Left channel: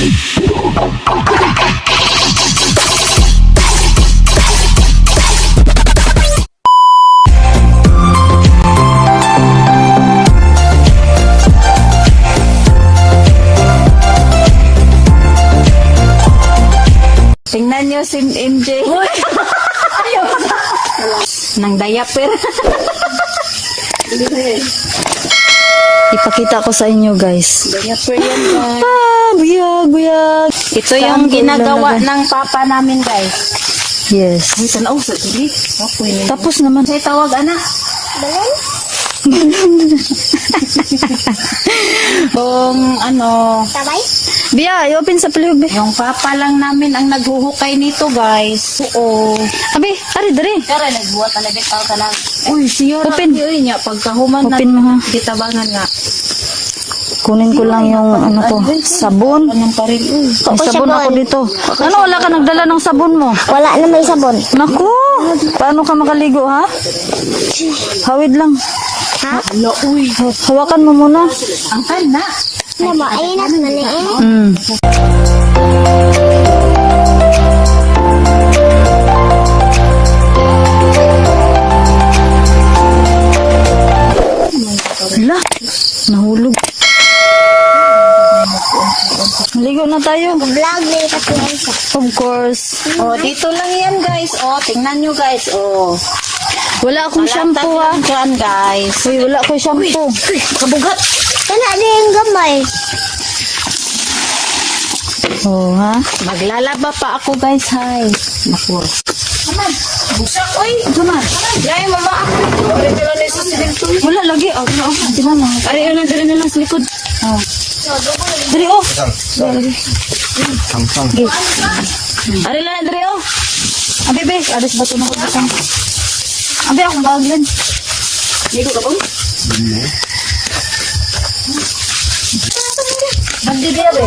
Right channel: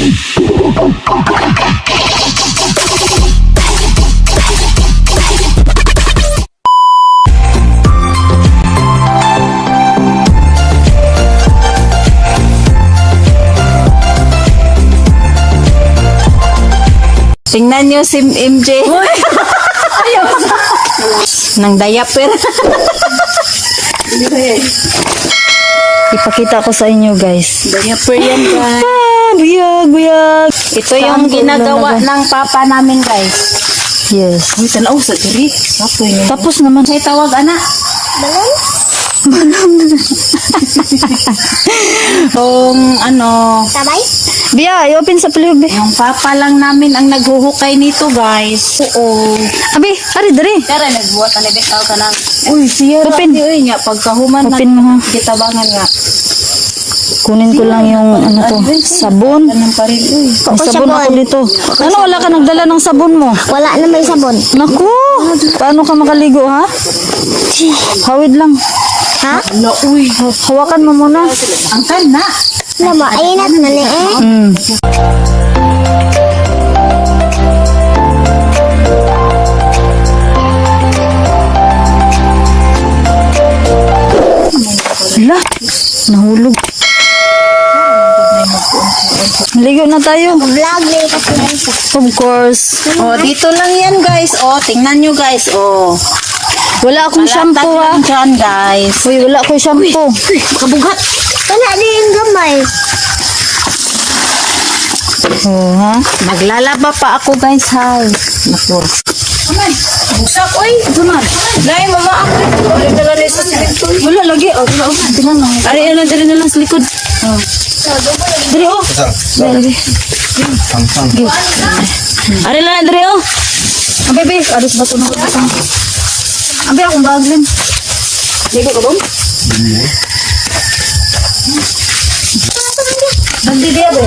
Tingnan nyo si MJ. Ayaw. Nang diaper. Ipakita ko sa inyo, guys. Diaper yan, guys. Buyag. Ito yung ginagawa ng papa namin, guys. Yes. Uy, tanaw sa diri. Tapos naman. Say tawag, ana. Sabay? Biya, i-open sa palihog, Bi. Yung papa lang namin ang naghuhukay nito, guys. Oo. Abi, ari, diri. Kaya nagbuhat na nabitaw ka ng... Uy, siya Open. Uy, niya. Pagkahuman na Open mo, ha. kitabangan nga. Kunin ko lang yung, ano to, sabon. Anong pa rin, uy. May sabon ako dito. Ano, wala ka nagdala ng sabon mo? Wala na may sabon. Naku, paano ka makaligo, ha? Hawid lang. Ha? Ala, uy. Hawakan mo muna. Ang na. Lama, ayunat na ni eh. Hala, nahulog. Ligo na tayo. Vlog na ito po isa. Of course. Oh, dito lang yan, guys. Oh, tingnan nyo, guys. Oh. Wala akong shampoo, ha. Taglan dyan, guys. Uy, wala akong shampoo. Kabugat. Wala na yung gamay. Oh, ha? Naglalaba pa ako, guys. Hi. Naku. Aman, busak, oy. Ito man. Nay, mama ako. Ay, dala na sa likod. Wala lagi. Oh, dala ako. Tingnan lang. Ay, dala nyo lang sa likod. Oh. Dari, oh. Dala lagi. Ari lang, dari, oh. Abe, be. Aris ba ito na ko pasang? Abe, akong baglan. Ligo ka, bom? Nagdidi, abe.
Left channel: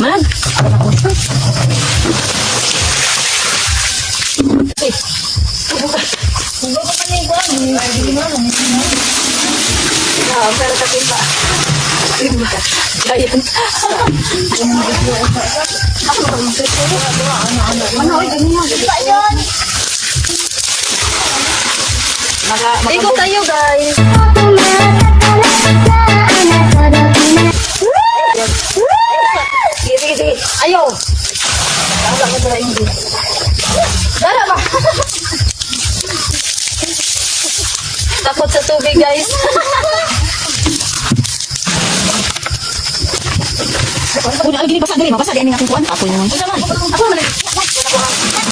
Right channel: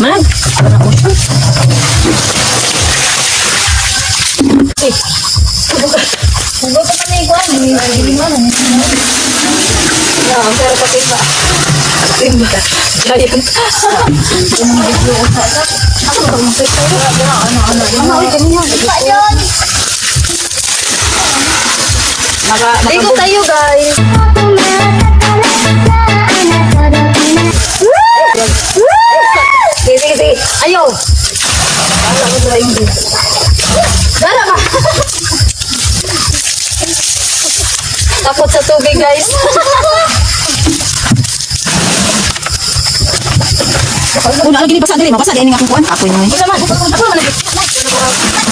Mag. Ligo kayo, guys. Sige. Ayaw. Dala ba? Takot sa tubig, guys. Una lagi ni pasad diri, mapasad ini nga kuan. Ako ini. Ako naman.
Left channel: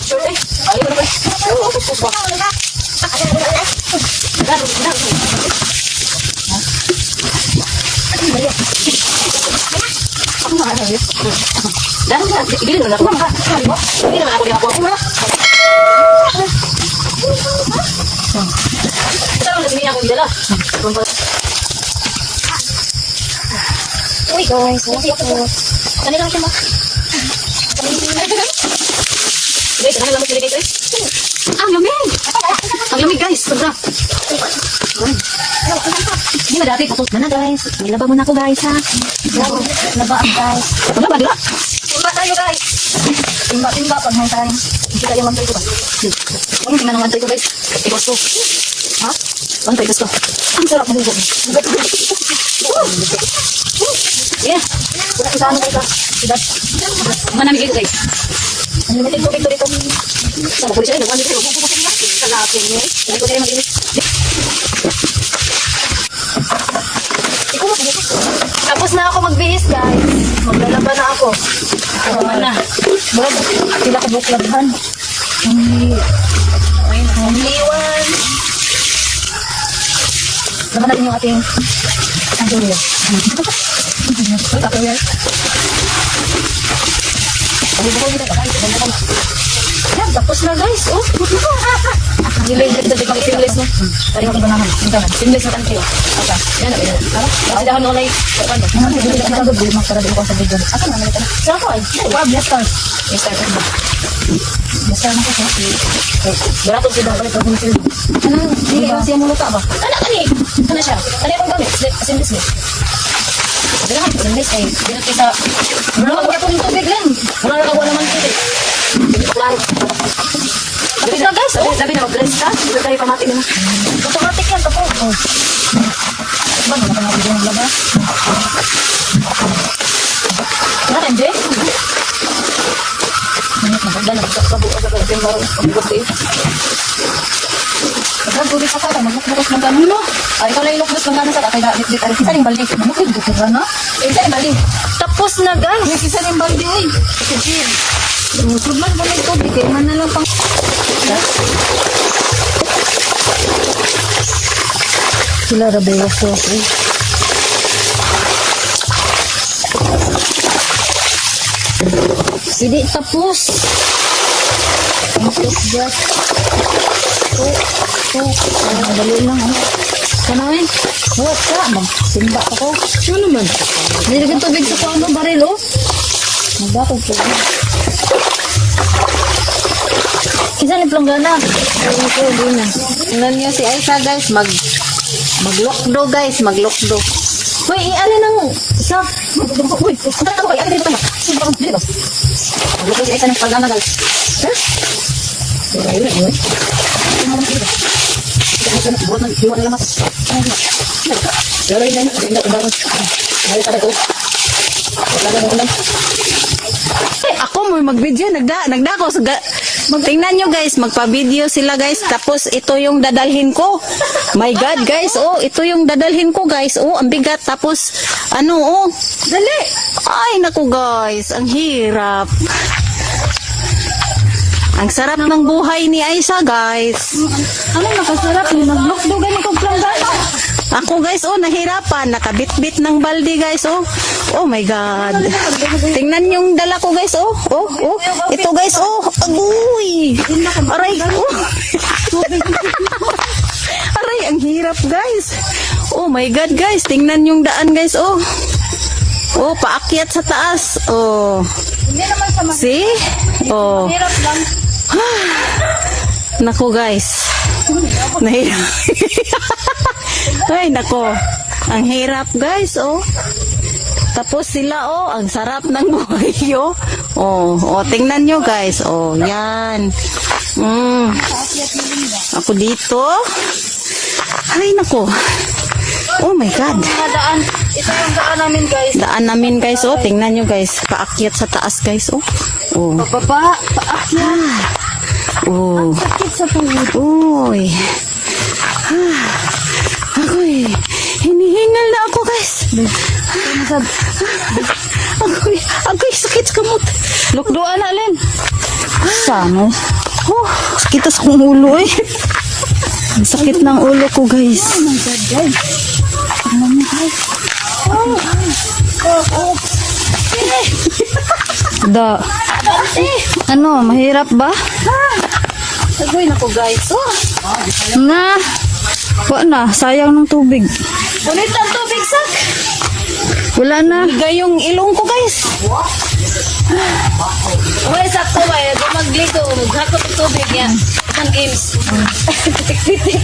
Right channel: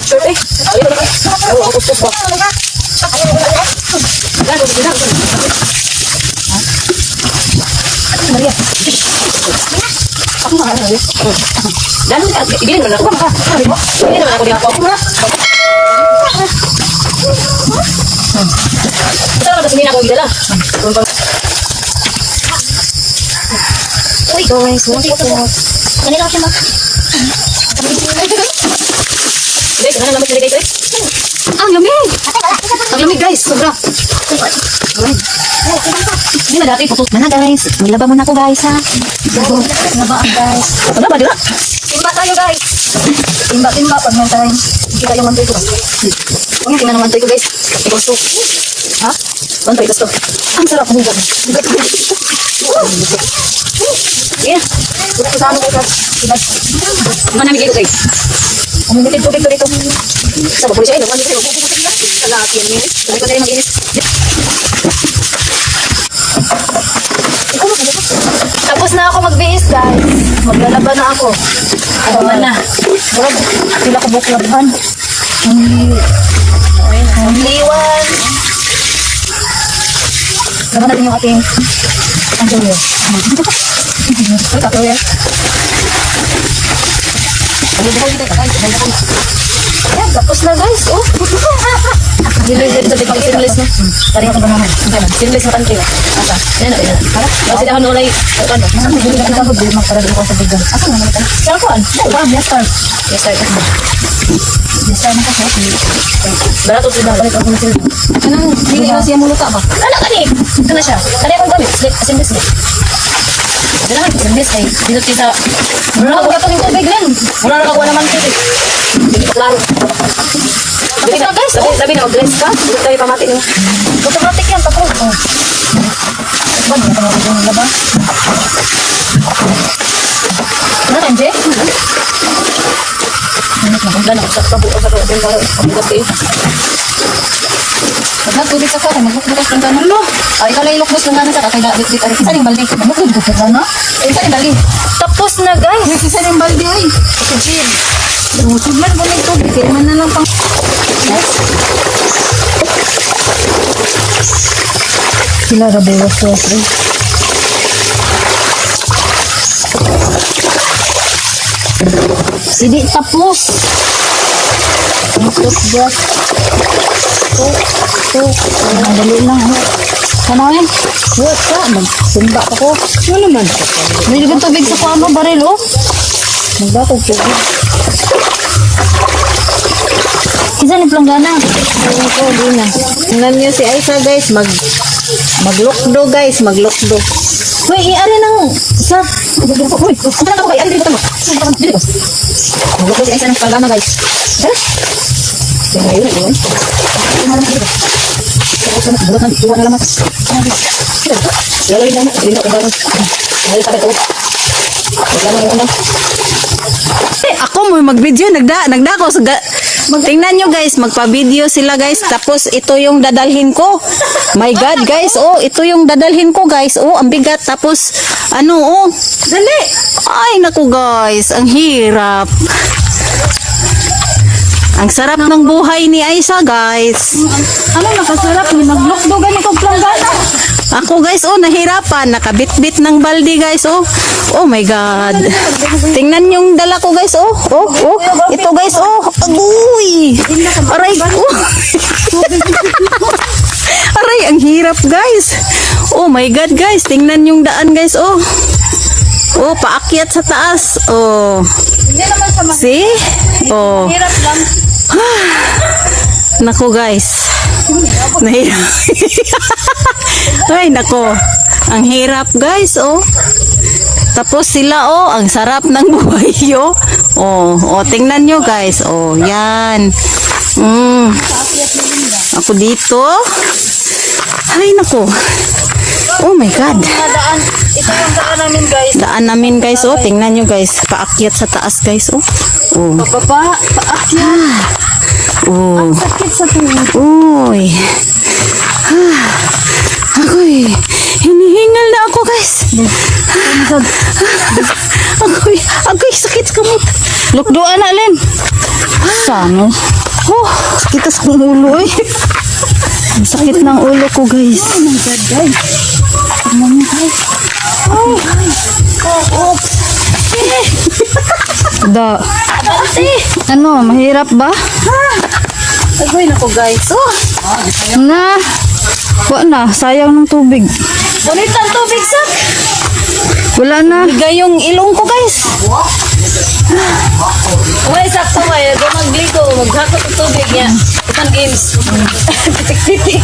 Sure eh. Ay, ba? Oh, gusto ko. Ako mga ano yun? Dan, gilin mo lang ako. Sabi mo, gilin mo lang ako din ako. Saan ang dasmin ako igala? Uy, gawin yung sumunod ko. Kanila siya mag... Guys, ano naman sila guys? Ang lamig! Ang lamig guys, sobra. Hindi na dati, tapos na guys. Nilaba muna ako guys ha. Laba guys. Laba dila? Timba tayo guys. Timba pag may time. Hindi tayo mantoy ko. Ano tingnan ng mantoy ko guys? Gusto. Ha? Mantoy gusto. Ang sarap mo guys. Yes. Kita sa ano guys. Diba namin ito guys? Ano yung tubig dito? Sa baboy siya. Ano yung tubig dito? Sa lakin niya. Sabi ko na rin mag-inis. Tapos na ako magbihis guys. Maglalaba na ako. Ako na. Murag, pinakabuklaghan. Ang liwan. Laban natin yung ating adobo. Adobo yan. Ayan, tapos na guys. Oh. Sinless na. Tari ako naman. Sinless na kanila. Yan na. Kasi ako nulay. Magpara din ko sa bigan. Asa na naman? Sa ako. Yes, start. Yes, start. Yes, start na kasi. Barato sila. Balik ako sila. Ano mo? Hindi na siya muluta ba? Ano ka ni? Ito na siya. Tari ako gamit. Sinless na. Lahat sa des ay dito kita. Wala ko ito yung tubig lang. Wala na kawa naman tubig. Klaro. Tapos na guys, sabi na mag-dress ka. Dito tayo pamati mo. Kapakatik yan, tapos. Oh. Ba, nakapagod yung baba. Ano, Anje? Maganda na, saksapo ka sa robin, pagbukas kayo. Pagkagulit ka sa akin, magbukbukos lang tayo. Ano? Ay, ikaw na ilukbos lang namin sa akin. Isa yung balde. Magbukbukos ba na? Isa yung balde. Tapos na guys. Isa yung balde ay. Sa gym. Musudlan ko ng tubig. Kaya man na lang pang... Yes. Nakabawas ko ako. Sige, tapos. Maglukbos. Dali lang. Ano yan? Buwas ka. Magsimba ako. Ano naman? May nagang tubig sa kano, baril, oh. Magbakog tubig. Isa ni Planggana. Tingnan niyo si Aisa guys, maglokdo guys, maglokdo. Uy, i-ari nang sa... Uy, ano na ako? I-ari dito tama. Dito. Maglukdo si Aisa ng Planggana, guys. Ayun na, ayun. Bulat na, iwan na naman. Laloy na, hindi na pagdaman. Laloy sa ito. Ako mo mag-video, nagda ko sa tingnan nyo guys, magpa-video sila guys. Tapos ito yung dadalhin ko. My God guys, oh, ito yung dadalhin ko guys. Oh, ang bigat. Tapos ano, oh. Dali. Ay, naku guys, ang hirap. Ang sarap ng buhay ni Aisa guys. Ano nakasarap ni maglukdo gani ko Planggana. Ako guys, oh, nahirapan. Nakabit-bit ng baldi guys, oh. Oh my God. Tingnan yung dala ko guys, oh. Oh, oh. Ito guys, oh. Agoy. Aray ko. Aray, ang hirap guys. Oh my God guys. Tingnan yung daan guys, oh. Oh, paakyat sa taas. Oh. See? Oh. Hirap lang. Nako guys. Ay nako. Ang hirap guys, oh. Tapos sila, oh, ang sarap ng buhay, oh. Oh, tingnan nyo guys. Oh, yan. Ako dito. Ay nako. Oh my God. Ito yung daan namin guys. Daan namin guys, oh. Tingnan nyo guys. Paakyat sa taas guys, oh. Oh. Paakyat. Oh. Sakit sa tuwa. Uy. Agoy. Hinihingal na ako, guys. Agoy, sakit sa kamot. Lukduan na, Len. Sana. Oh, sakit sa kong ulo, eh. Sakit ng ulo ko, guys. Oh my God, guys. Tignan mo, guys. Oh. Da. Ano, mahirap ba? Agoy na ko guys. Oh. Na. Wala na, sayang ng tubig. Ulit ang tubig sa. Wala na. Bigay yung ilong ko, guys. Uy, sakto ba eh. Kung magligo, maghakot ang tubig niya. Itang games. Titik-titik.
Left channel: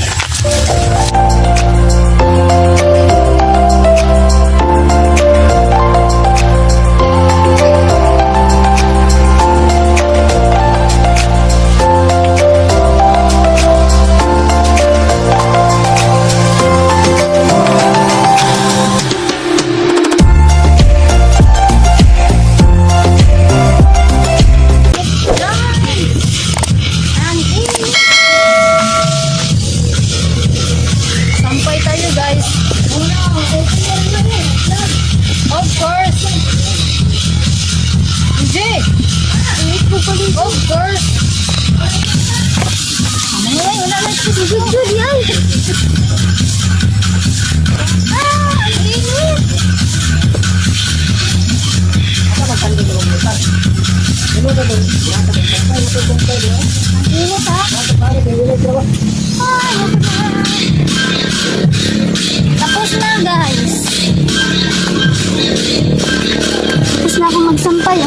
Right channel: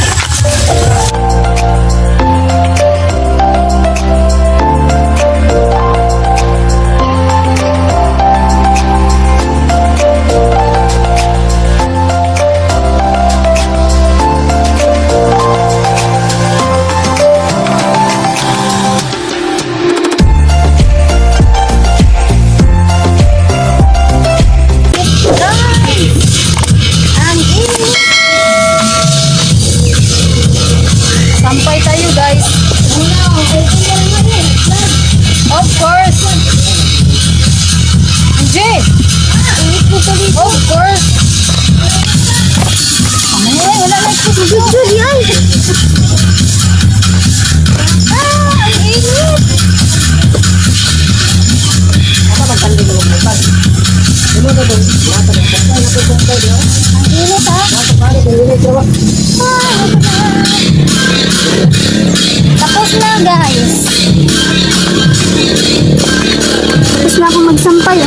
Sampay tayo guys. Of course. Jay. Of course. Tapos na guys. Tapos na ako magsampay.